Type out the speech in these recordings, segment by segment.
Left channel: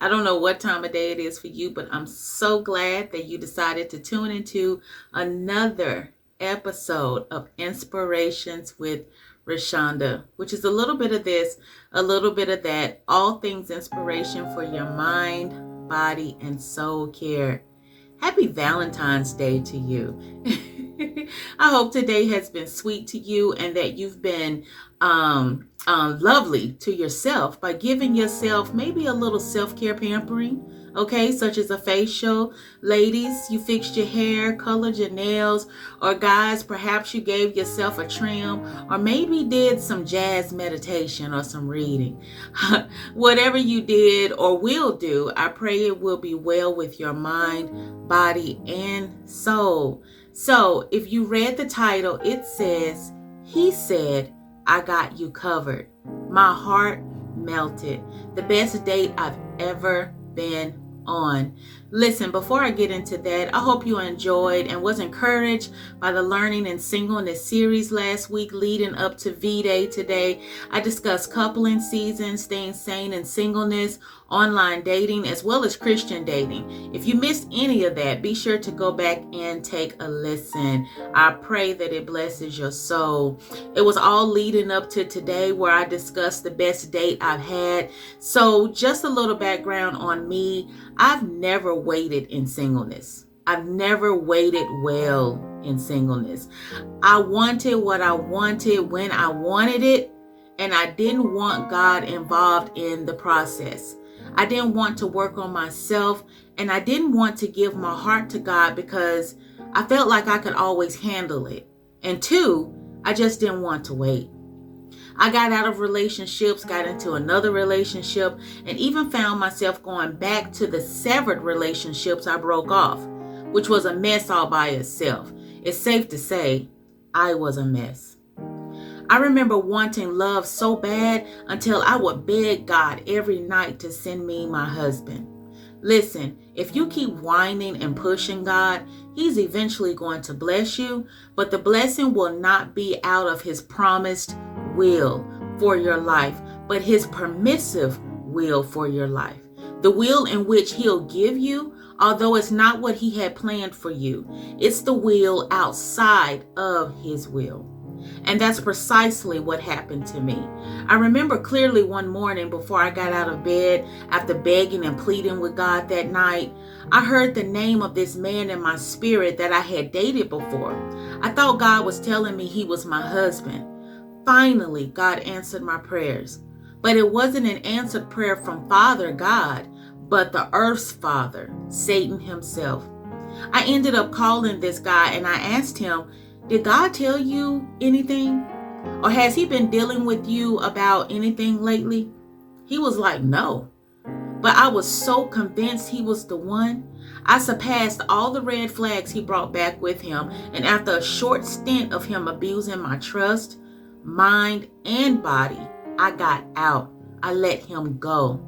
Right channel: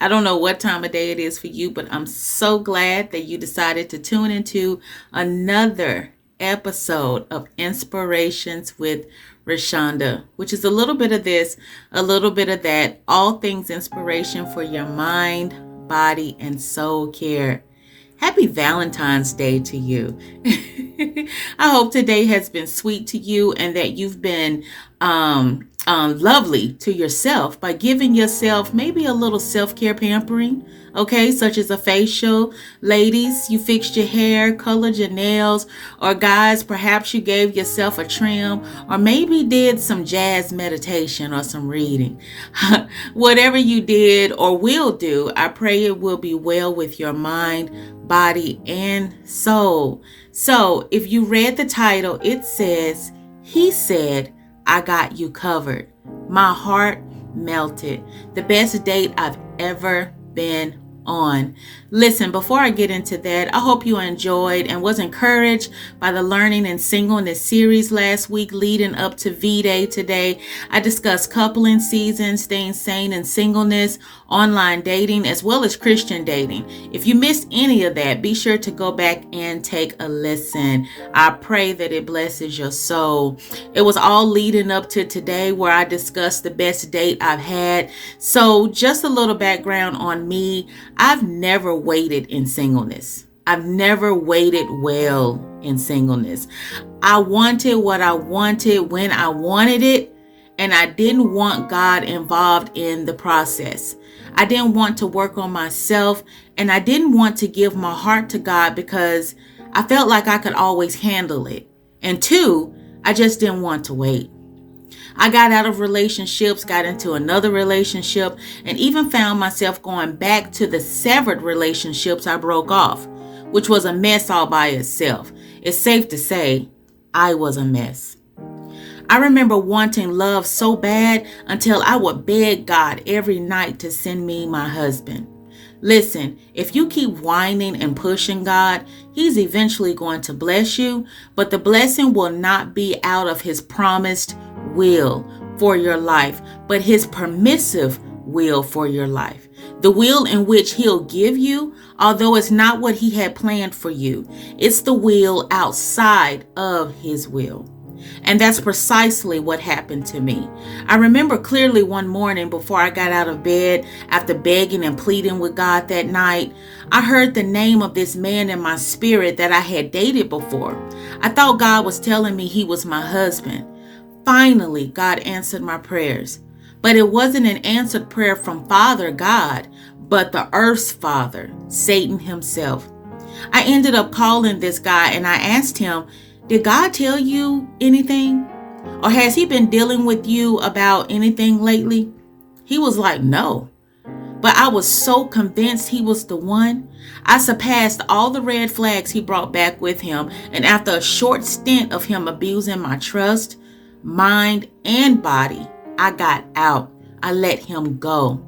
I don't know what time of day it is for you, but I'm so glad that you decided to tune into another episode of Inspirations with Rashonda, which is a little bit of this, a little bit of that, all things inspiration for your mind, body, and soul care. Happy Valentine's Day to you. I hope today has been sweet to you and that you've been lovely to yourself by giving yourself maybe a little self-care pampering, okay, such as a facial. Ladies, you fixed your hair, colored your nails, or guys, perhaps you gave yourself a trim, or maybe did some jazz meditation or some reading. Whatever you did or will do, I pray it will be well with your mind, body, and soul. So if you read the title, it says, "He said, I got you covered." My heart melted. The best date I've ever been on. Listen, before I get into that, I hope you enjoyed and was encouraged by the Learning and Singleness series last week leading up to V-Day today. I discussed coupling seasons, staying sane in singleness, online dating, as well as Christian dating. If you missed any of that, be sure to go back and take a listen. I pray that it blesses your soul. It was all leading up to today where I discussed the best date I've had. So just a little background on me. I've never waited in singleness. I've never waited well in singleness. I wanted what I wanted when I wanted it, and I didn't want God involved in the process. I didn't want to work on myself, and I didn't want to give my heart to God because I felt like I could always handle it. And two, I just didn't want to wait. I got out of relationships, got into another relationship, and even found myself going back to the severed relationships I broke off, which was a mess all by itself. It's safe to say I was a mess. I remember wanting love so bad until I would beg God every night to send me my husband. Listen, if you keep whining and pushing God, He's eventually going to bless you, but the blessing will not be out of His promised will for your life, but His permissive will for your life. The will in which He'll give you, although it's not what He had planned for you, it's the will outside of His will. And that's precisely what happened to me. I remember clearly one morning before I got out of bed, after begging and pleading with God that night, I heard the name of this man in my spirit that I had dated before. I thought God was telling me he was my husband. Finally, God answered my prayers. But it wasn't an answered prayer from Father God, but the earth's father, Satan himself. I ended up calling this guy and I asked him, "Did God tell you anything? Or has He been dealing with you about anything lately?" He was like, "No." But I was so convinced he was the one. I surpassed all the red flags he brought back with him. And after a short stint of him abusing my trust, mind, and body, I got out. I let him go.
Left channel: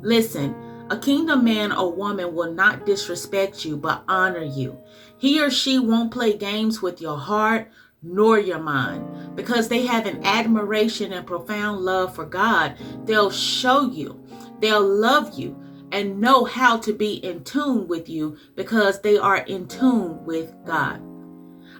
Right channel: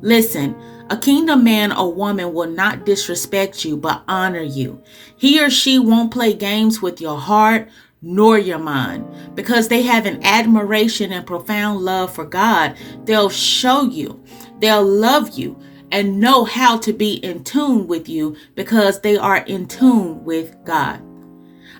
Listen, a kingdom man or woman will not disrespect you, but honor you. He or she won't play games with your heart nor your mind. Because they have an admiration and profound love for God, they'll show you, they'll love you, and know how to be in tune with you because they are in tune with God.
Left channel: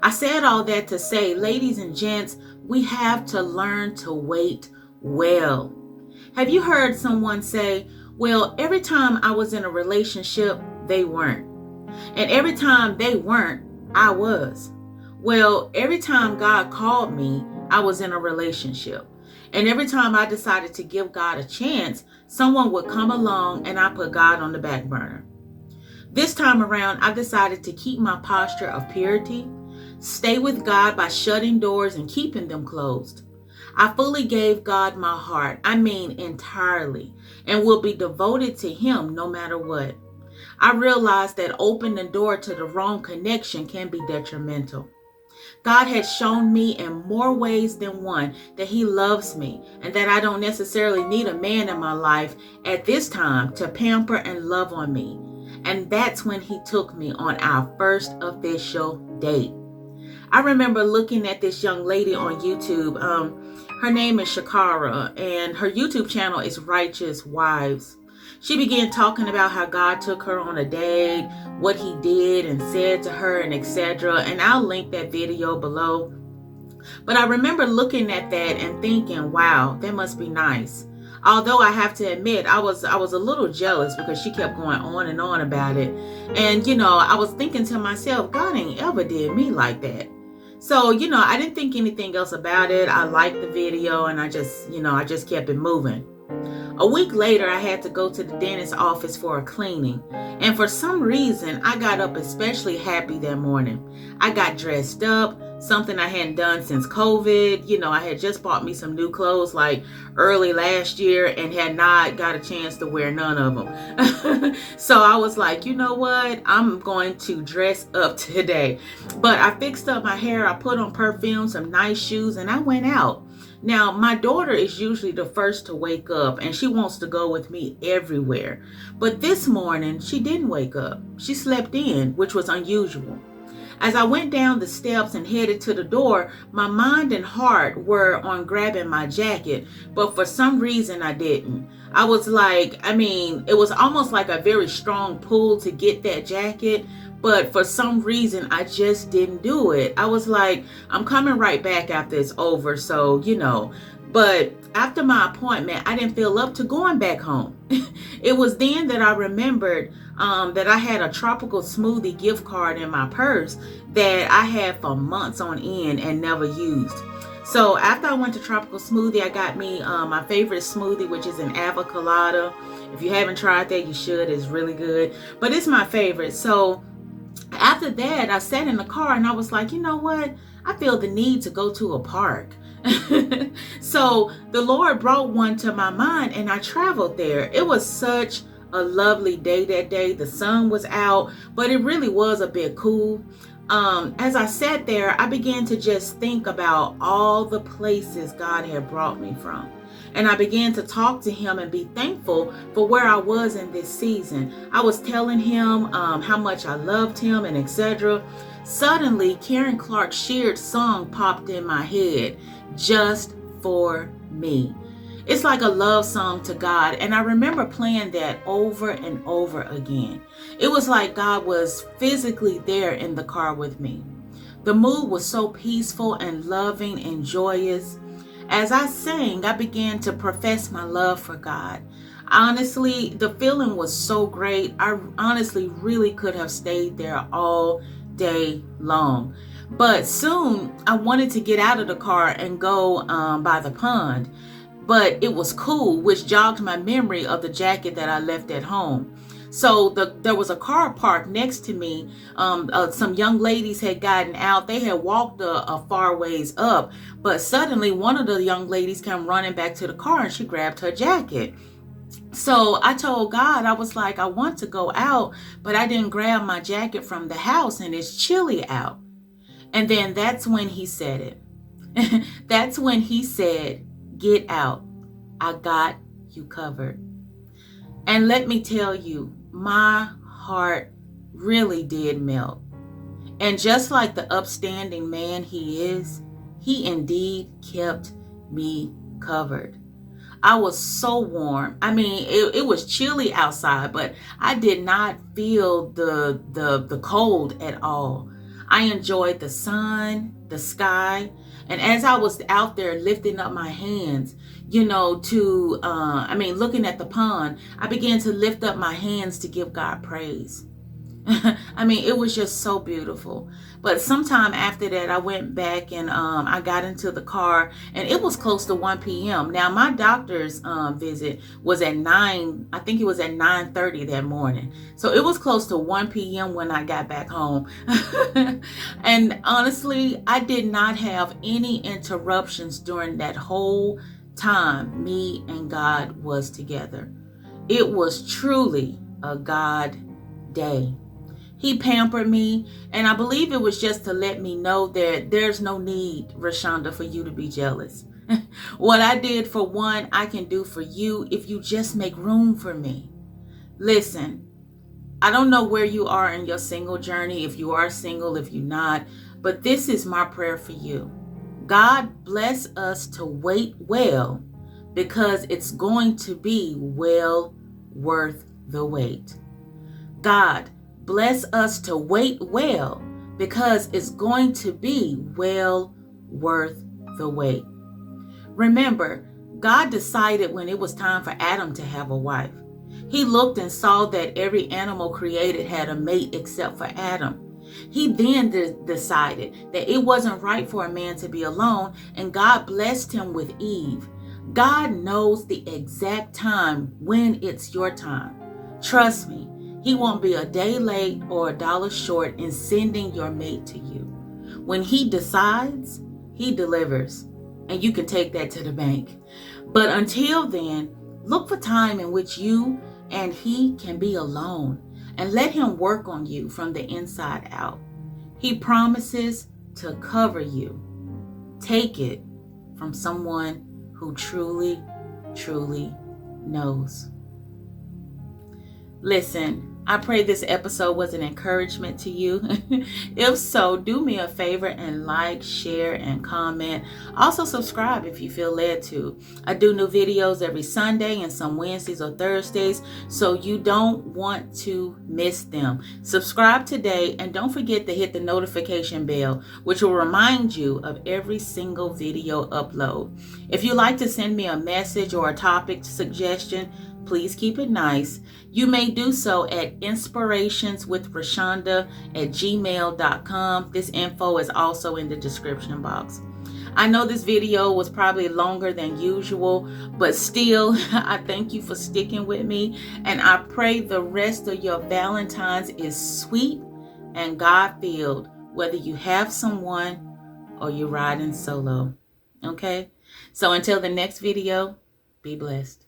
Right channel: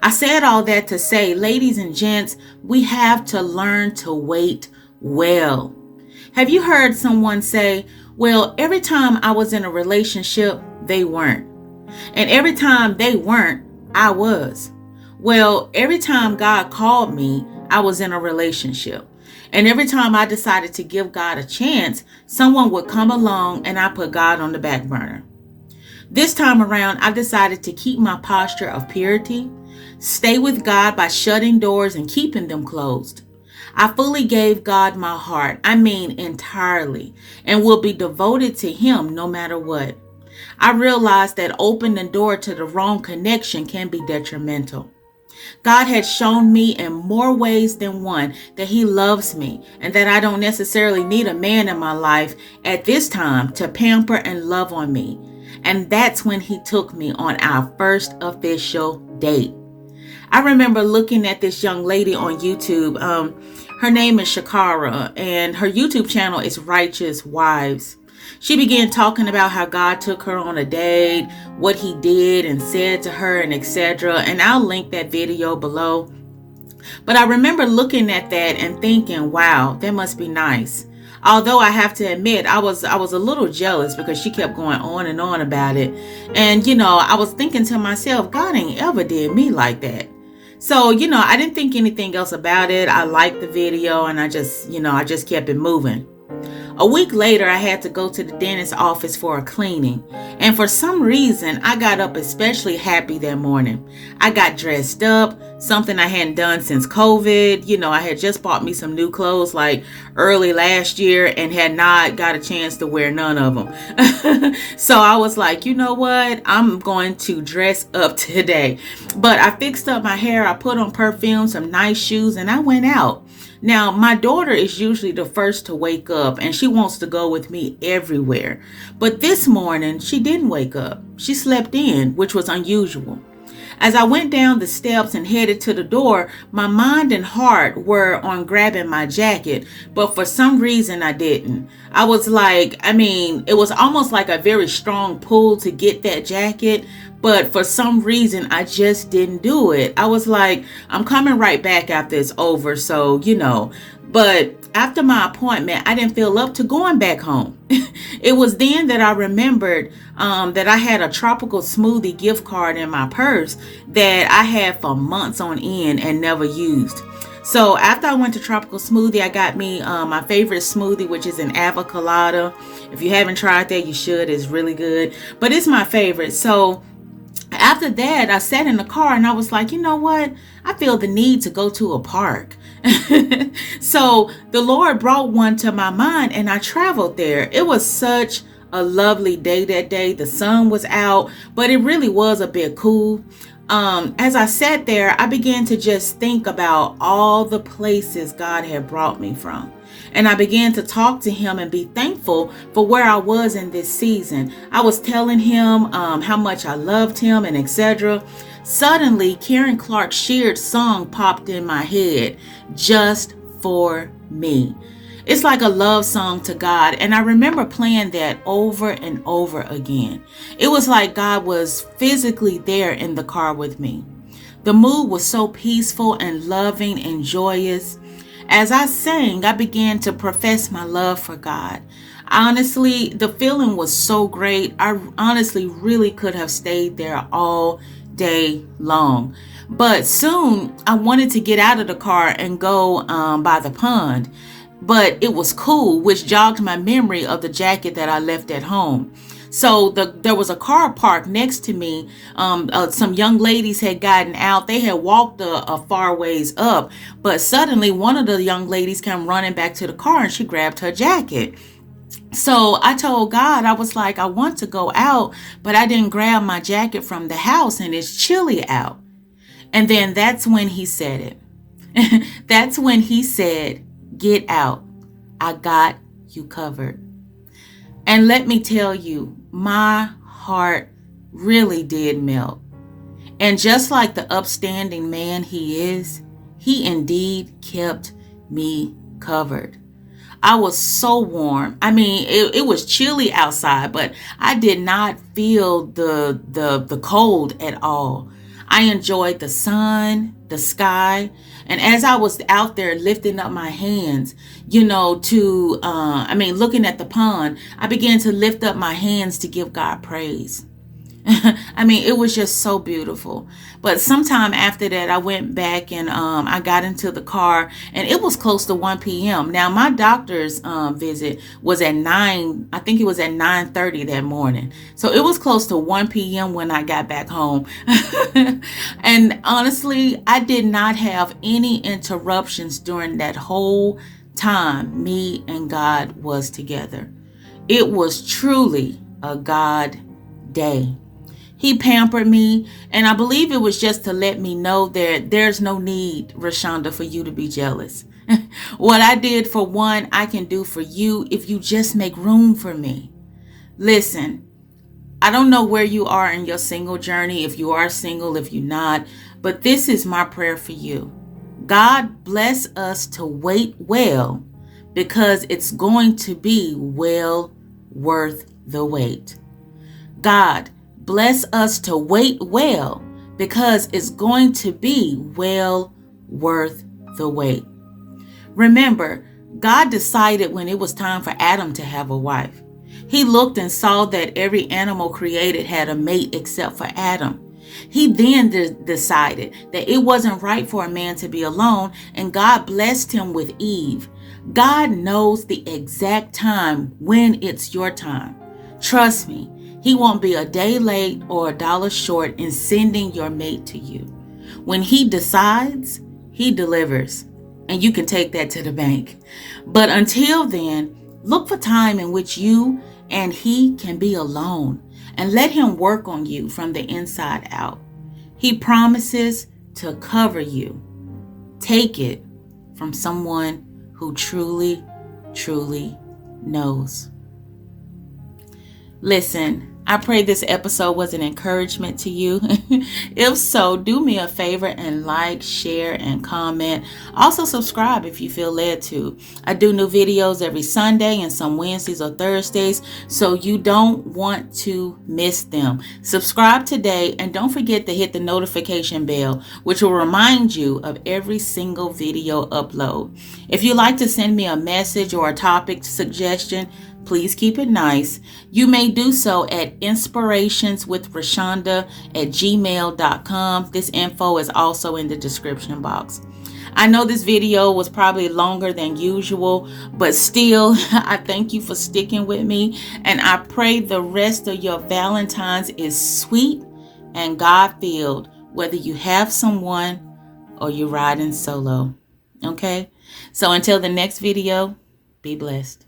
I said all that to say, ladies and gents, we have to learn to wait well. Have you heard someone say, "Well, every time I was in a relationship, they weren't. And every time they weren't, I was." Well, every time God called me, I was in a relationship. And every time I decided to give God a chance, someone would come along and I put God on the back burner. This time around, I've decided to keep my posture of purity, stay with God by shutting doors and keeping them closed. I fully gave God my heart, I mean entirely, and will be devoted to Him no matter what. I realized that opening the door to the wrong connection can be detrimental. God has shown me in more ways than one that He loves me and that I don't necessarily need a man in my life at this time to pamper and love on me. And that's when He took me on our first official date. I remember looking at this young lady on YouTube. Her name is Shakara, and her YouTube channel is Righteous Wives. She began talking about how God took her on a date, what he did and said to her, and etc. And I'll link that video below. But I remember looking at that and thinking, wow, that must be nice. Although I have to admit, I was a little jealous because she kept going on and on about it. And, I was thinking to myself, God ain't ever did me like that. So, I didn't think anything else about it. I liked the video and I just kept it moving. A week later, I had to go to the dentist's office for a cleaning. And for some reason, I got up especially happy that morning. I got dressed up, something I hadn't done since COVID. I had just bought me some new clothes like early last year and had not got a chance to wear none of them. So I was like, you know what? I'm going to dress up today. But I fixed up my hair. I put on perfume, some nice shoes, and I went out. Now, my daughter is usually the first to wake up and she wants to go with me everywhere. But this morning, she didn't wake up. She slept in, which was unusual. As I went down the steps and headed to the door, my mind and heart were on grabbing my jacket, but for some reason I didn't. I was like, it was almost like a very strong pull to get that jacket, but for some reason I just didn't do it. I was like, I'm coming right back after it's over, so, But after my appointment, I didn't feel up to going back home. It was then that I remembered that I had a tropical smoothie gift card in my purse that I had for months on end and never used. So after I went to Tropical Smoothie, I got me my favorite smoothie, which is an avocado. If you haven't tried that, you should. It's really good. But it's my favorite. So after that, I sat in the car and I was like, you know what? I feel the need to go to a park. So the Lord brought one to my mind and I traveled there. It was such a lovely day that day. The sun was out, but it really was a bit cool. As I sat there, I began to just think about all the places God had brought me from. And I began to talk to him and be thankful for where I was in this season. I was telling him how much I loved him and etc. Suddenly, Karen Clark's Sheard song popped in my head, Just for Me. It's like a love song to God, and I remember playing that over and over again. It was like God was physically there in the car with me. The mood was so peaceful and loving and joyous. As I sang, I began to profess my love for God. Honestly, the feeling was so great. I honestly really could have stayed there all day long. But soon I wanted to get out of the car and go by the pond. But it was cool, which jogged my memory of the jacket that I left at home. So there was a car parked next to me. Some young ladies had gotten out. They had walked a far ways up, but suddenly one of the young ladies came running back to the car and she grabbed her jacket. So I told God, I was like, I want to go out, but I didn't grab my jacket from the house and it's chilly out. And then that's when he said it. That's when he said, get out. I got you covered. And let me tell you, my heart really did melt. And just like the upstanding man he is, he indeed kept me covered. I was so warm. It was chilly outside, but I did not feel the cold at all. I enjoyed the sun, the sky, and as I was out there lifting up my hands, looking at the pond, I began to lift up my hands to give God praise. It was just so beautiful. But sometime after that, I went back and I got into the car and it was close to 1 p.m. Now, my doctor's visit was at 9. I think it was at 9:30 that morning. So it was close to 1 p.m. when I got back home. And honestly, I did not have any interruptions during that whole time me and God was together. It was truly a God day. He pampered me, and I believe it was just to let me know that there's no need, Rashonda, for you to be jealous. What I did for one, I can do for you if you just make room for me. Listen, I don't know where you are in your single journey, if you are single, if you're not, but this is my prayer for you. God bless us to wait well, because it's going to be well worth the wait. God, bless us to wait well, because it's going to be well worth the wait. Remember, God decided when it was time for Adam to have a wife. He looked and saw that every animal created had a mate except for Adam. He then decided that it wasn't right for a man to be alone, and God blessed him with Eve. God knows the exact time when it's your time. Trust me, He won't be a day late or a dollar short in sending your mate to you. When He decides, He delivers, and you can take that to the bank. But until then, look for time in which you and He can be alone, and let Him work on you from the inside out. He promises to cover you. Take it from someone who truly, truly knows. Listen, I pray this episode was an encouragement to you. If so, do me a favor and like, share, and comment. Also subscribe if you feel led to. I do new videos every Sunday and some Wednesdays or Thursdays, so you don't want to miss them. Subscribe today, and don't forget to hit the notification bell, which will remind you of every single video upload. If you'd like to send me a message or a topic suggestion, please keep it nice. You may do so at inspirationswithrashonda@gmail.com. This info is also in the description box. I know this video was probably longer than usual, but still, I thank you for sticking with me, and I pray the rest of your Valentine's is sweet and God-filled, whether you have someone or you're riding solo. Okay? So until the next video, be blessed.